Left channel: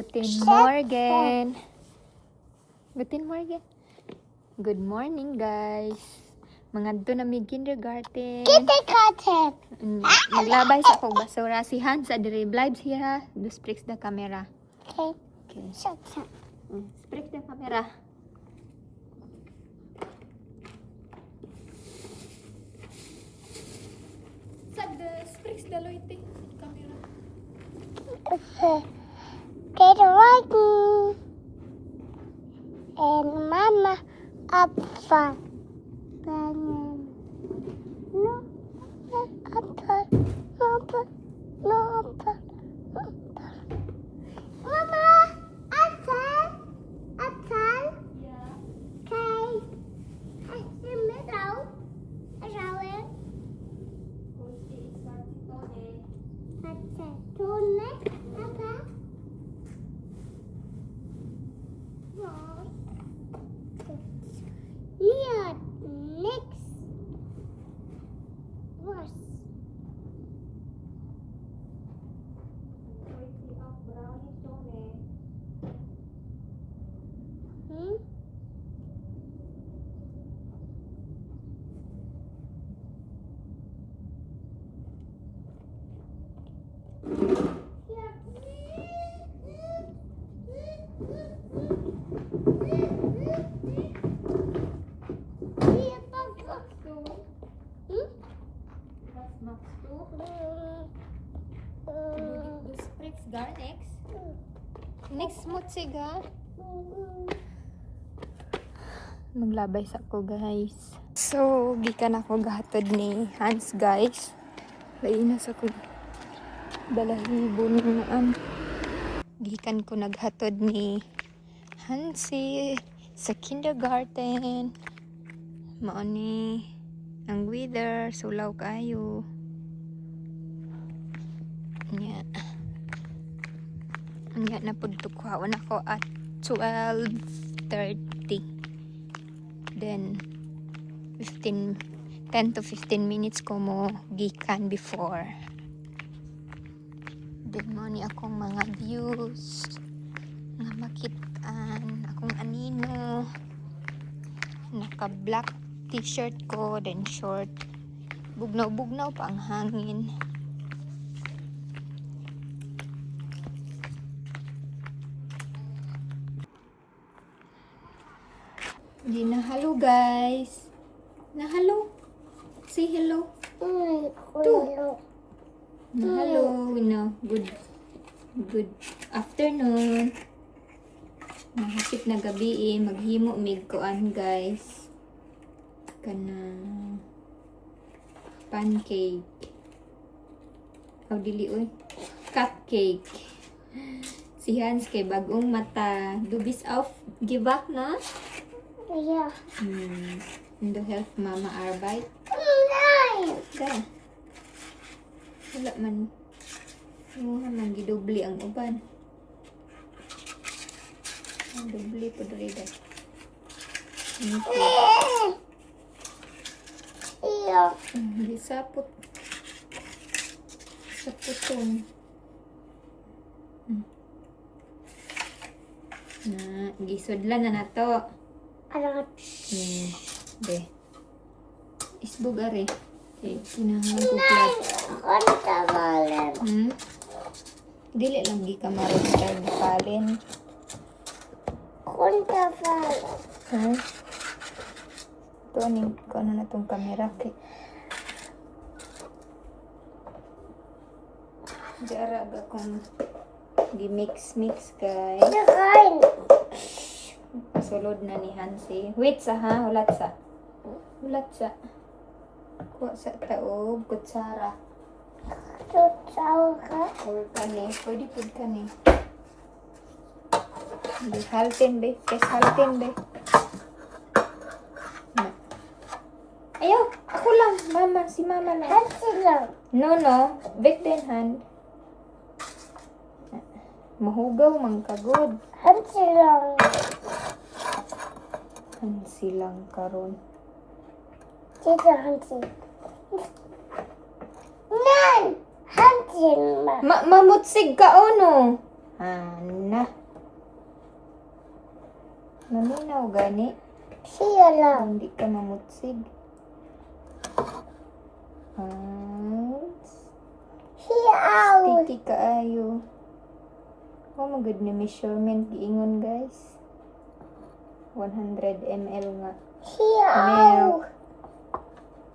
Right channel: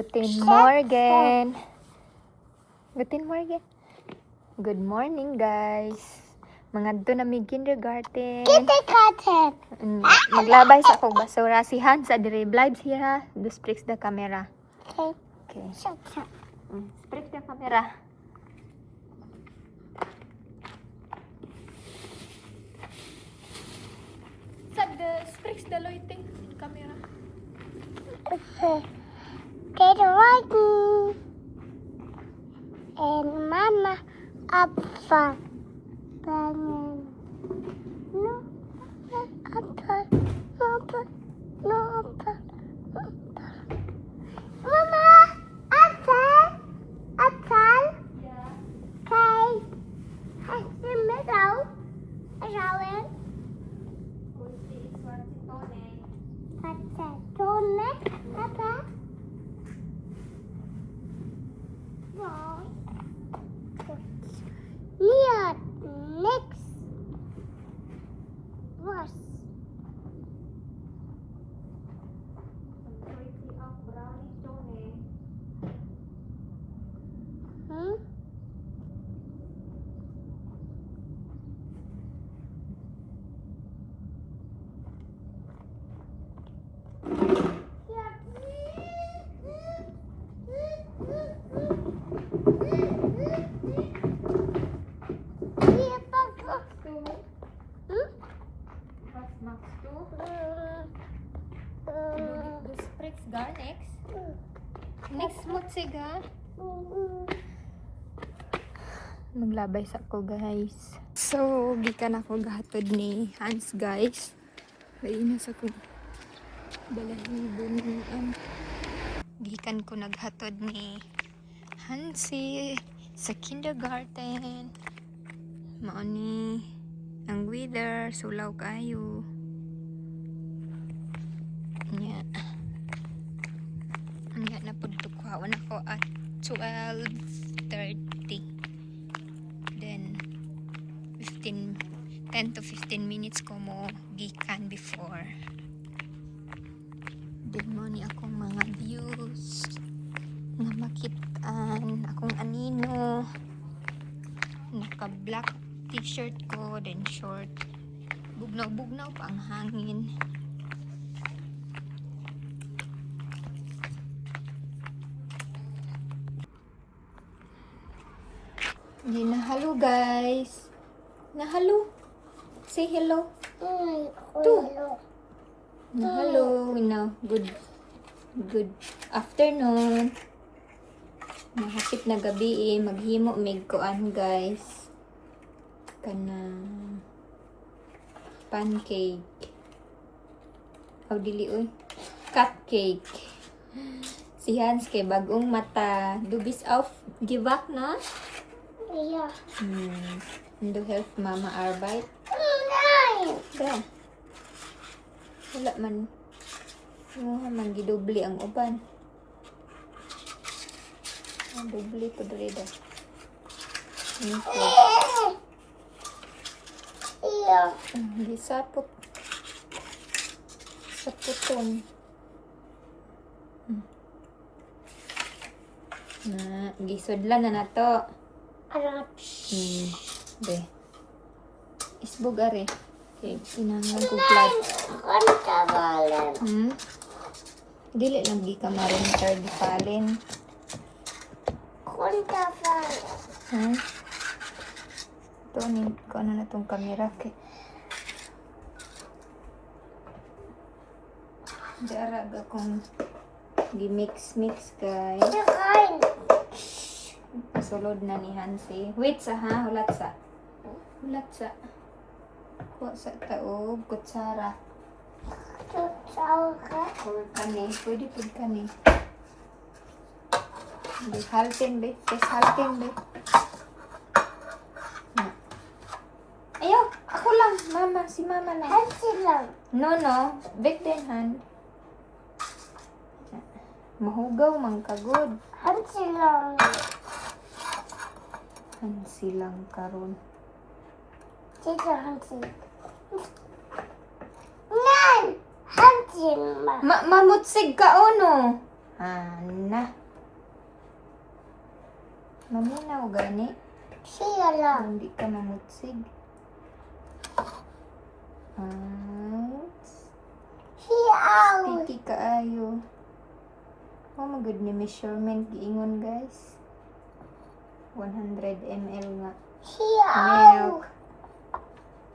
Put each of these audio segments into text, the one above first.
Guten Morgen. Guten Morgen. Good morning, guys. Mga na may kindergarten. Kindergarten. Maglabay sa akong basura. Si Hans adire vlogs here ha. Do sprix the camera. Okay. Okay. Saka. Sprix the camera. Sa the sprix the lighting camera. Kindergarten. And Mama up front. No, Mama, outside. Yeah. Okay. I see middle. Rowan. Kunti swerte tone. Tone. Papa. Wow. Here. Next. Verse. Kunti of brownie tone. Hmm? What's max 2? The sprix gar next. Next mo siga. Maglabay sa ko, guys. So, gikan ako gahatod ni Hans, guys. Lain na sa ko balahibo naan. Gikan ko naghatod ni Hansi sa kindergarten. Mao ni ang weather, sulaw kayo. Nya. Nya na pud tukhaon ako at 12:30. Then 10 to 15 minutes ko mo gikan before. Then mo ni akong mga views nga makitaan akong anino. Naka black t-shirt ko, then short. Bugnaw-bugnaw pa ang hangin. Hindi nahalo, guys. Nahalo. Say hello. Nahalo. Now, good afternoon. Nahapit na gabi maghimo mig kuan, guys. Kana pancake. Aw dili oy. Cupcake. Si Hans kay bagong mata. Dubis auf gewach na? Yeah. In the help mama arbeit. Nein. Da. Wala man. Yung man gidubli ang uban. Ang dubli po dali da. Yeah. Di sapot. Sapotong. Na, gisudlan na nato. Alat. De. Isbog are. Okay, pinangan ko plat. Kontabalen. Dili lang gi ka malinter di palen. Kontabalen. Ito ni ko na tong camera kay. Diara ga kung di mix kay. Nein. Sulod na ni Hansi. Wait sa ha, ulat sa. Kuha sa taog, kutsara. Tutsaw ka. Or kani, pwede po kani. Hindi, halting be. Yes, halting be. Na. Ayaw, ako lang. Mama, si mama lang. Hansi lang. No. Back then, hand. Mahugaw, mangkagod. Hansi lang. Hansi lang karon. Tita Hansi. Nein. Hansi lang. Mamutsig ka, ono. Ana. Naminaw gani. Siya lang. Hindi ka mamutsig. Siya out. Sticky kaayo. Oh my god, ni measurement giingon guys. 100 ml nga. Siya Milk.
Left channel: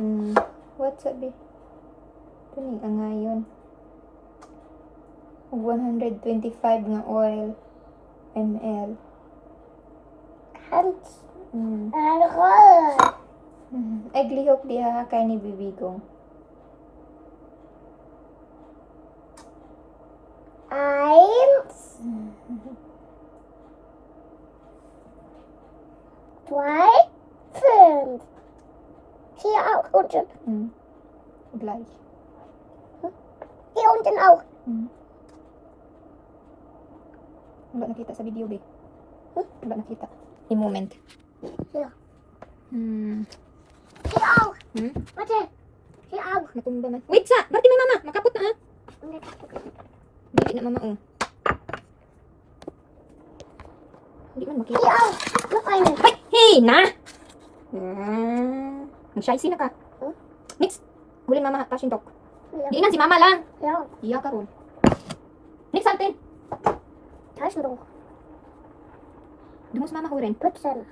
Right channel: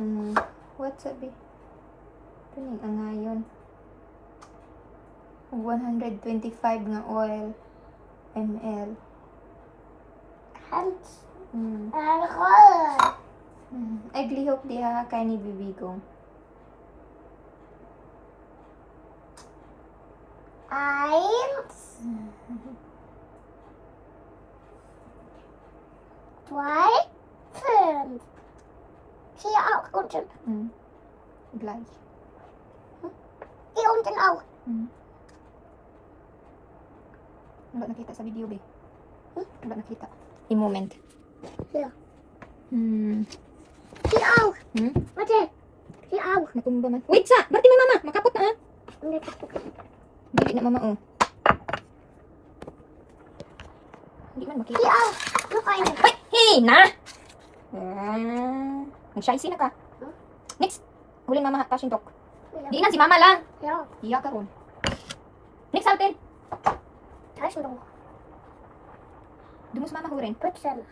out. What's up eh? Ito ni ngayon. 125 nga oil ml. Hands. Mm. Alcohol. Ay, glihok diha kay ni bibigong. Eins. Zwei. Fünf. Hier auch unten. Gleich. Hier unten auch. Wala nakita sa video, be. Wala nakita. I-moment. Hier. Hmm. Hier auch. Hmm? Warte. Hier auch. Natumba man. Wait sa! Bati may mama! Makapot na ha! Dili na mama, oh. Hindi man makita. Hier auch. Noch eine. Ay! Hey! Na! Nag-shy na ka. Next! Huling mama, passion talk. Ja. Diinan si mama lang! Ja. Iya ka ron. Next, Alten! Taschentuch. Du musst Mama hören. Putzen.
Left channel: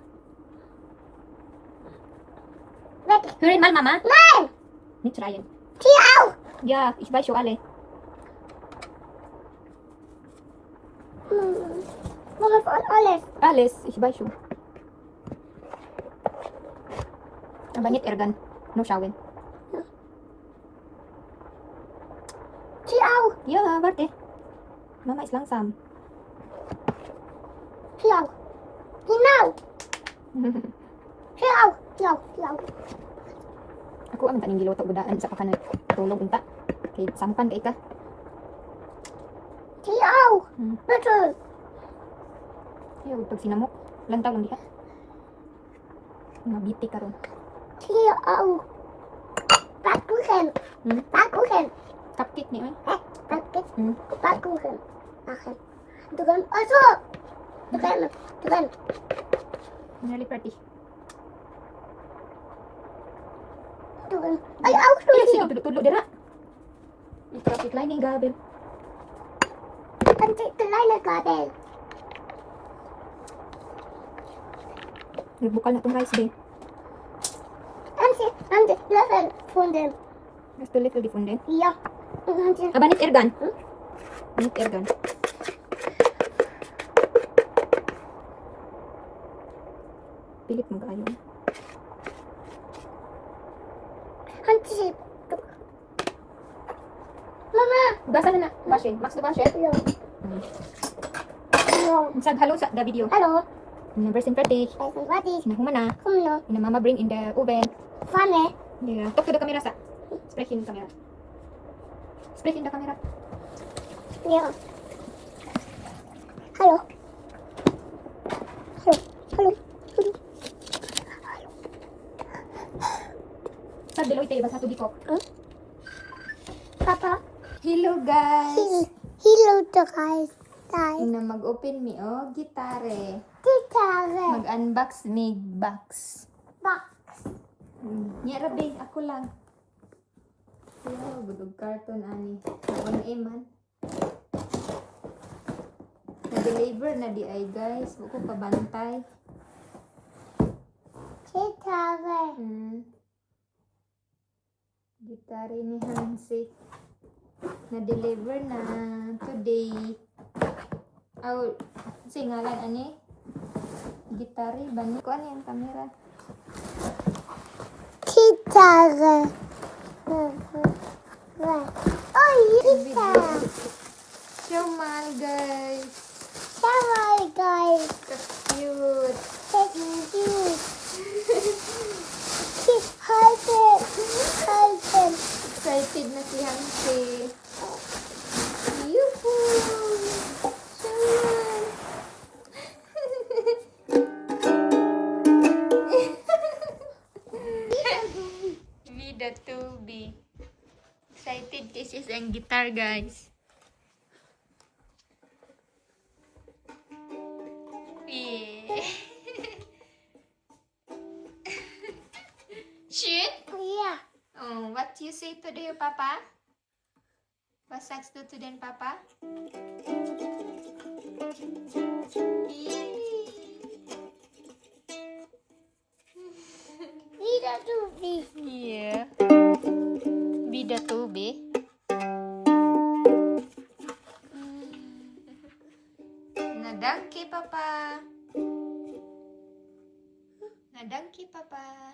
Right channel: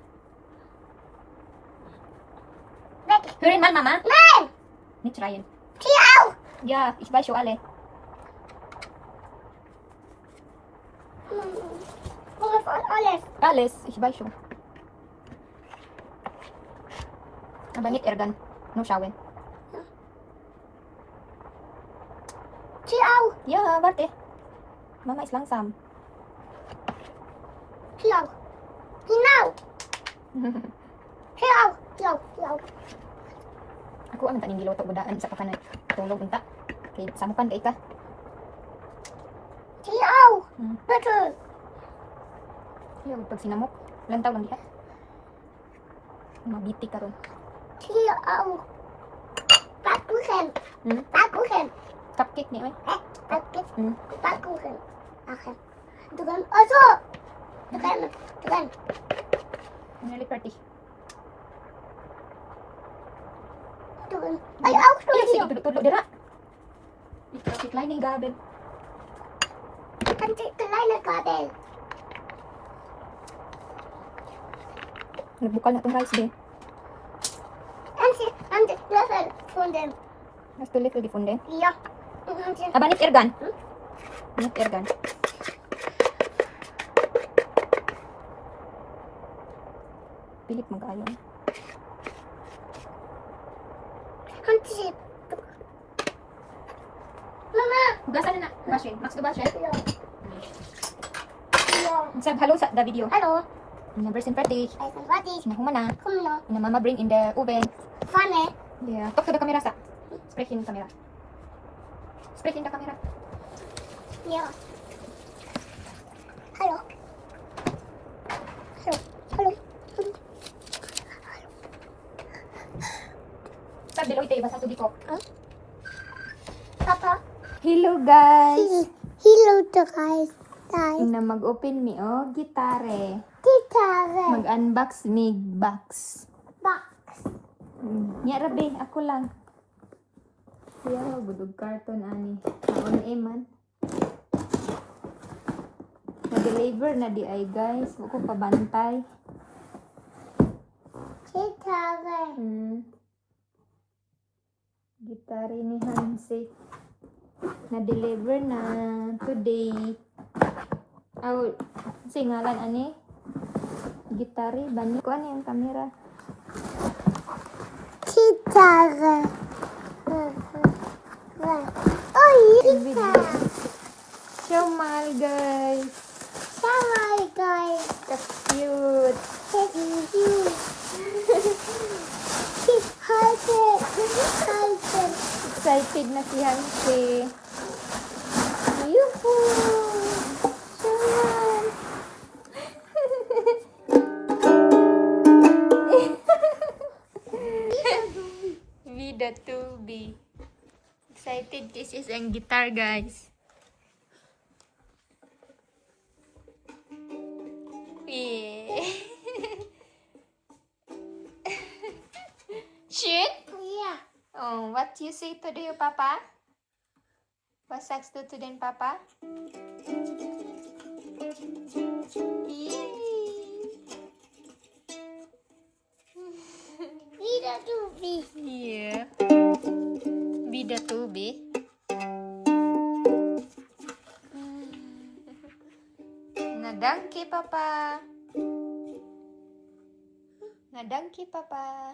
Weg. Hören mal, Mama. Nein. Nicht schreien. Hier auch. Ja, ich weiß schon alle. Mama von alles. Alles, ich weiß schon. Aber nicht ärgern. Nur schauen. Hier auch. Ja, warte. Mama ist langsam. Hier auch. Hinaus. Hier auch. Hier auch. Hier auch. Ako ang taning giluto budaan sa pakanan. Tulog unta. Kay samukan kay ka. Hier auch. Bitte. Ayaw pag sinamok. Lantaw lang diha. Mabiti ka ron. Hier auch. Backkuchen. Backkuchen. Cupcake ni ay. Backkuchen. Backkuchen. Machen. Du kannst. Also. Du kannst. Du kannst. Nearly party. Du kannst. Ay, auch schon Ay, sige, hier. tulog dira. Ikaw si kleine Gabel. An die kleine Gabel. Nagbukal na tong rice be. An die Löffel von dem. Mas tulit ko difunde. Ja. Und an die. Aba nit ergan. Nit ergan. Pilit man kayo. An die. Mama. Hugasan na na. Bashe. Max do bashe. Ja. Ja. Sag hello sa the video. Hallo. Number sin party. Also, warte. Nahuma na. Komm noch. Na mama bring in the oven. Pfanne. Yeah. Talk to the camera sa. Sprech in the camera. Sprech in the camera. Ja. Hallo. Hallo. Hallo. Hallo. Sag Deloitte basa to diko. Papa. Hello guys. Hello, guys. Guys. Ina mag-open mi oh gitare. Gitarre. Mag-unbox mi box. Box. Nya rabi ako lang. Yeah, budog carton ani. Naon man. Na-deliver na di ay guys. Huwag ko pabantay. Gitarre. Gitare ni Hansik. Na-deliver na today. Oh, singalan ani? Gitare. Bani ko ano yung camera? Gitarre. Oh, Gitarre. Show mal guys. Schau mal, guys. That's cute. Das ist süß. Halten. Halten. Excited na si Hansi. Yuhuu! Shunan! Vida Tubi. Excited this is ang guitar guys. Yeah. Shoot? Yeah. Oh, what you say to your papa? What Sax do to den papa? Wieder Dubi. Yeah. Bida tubi. Nadangki papa. Nadangki papa.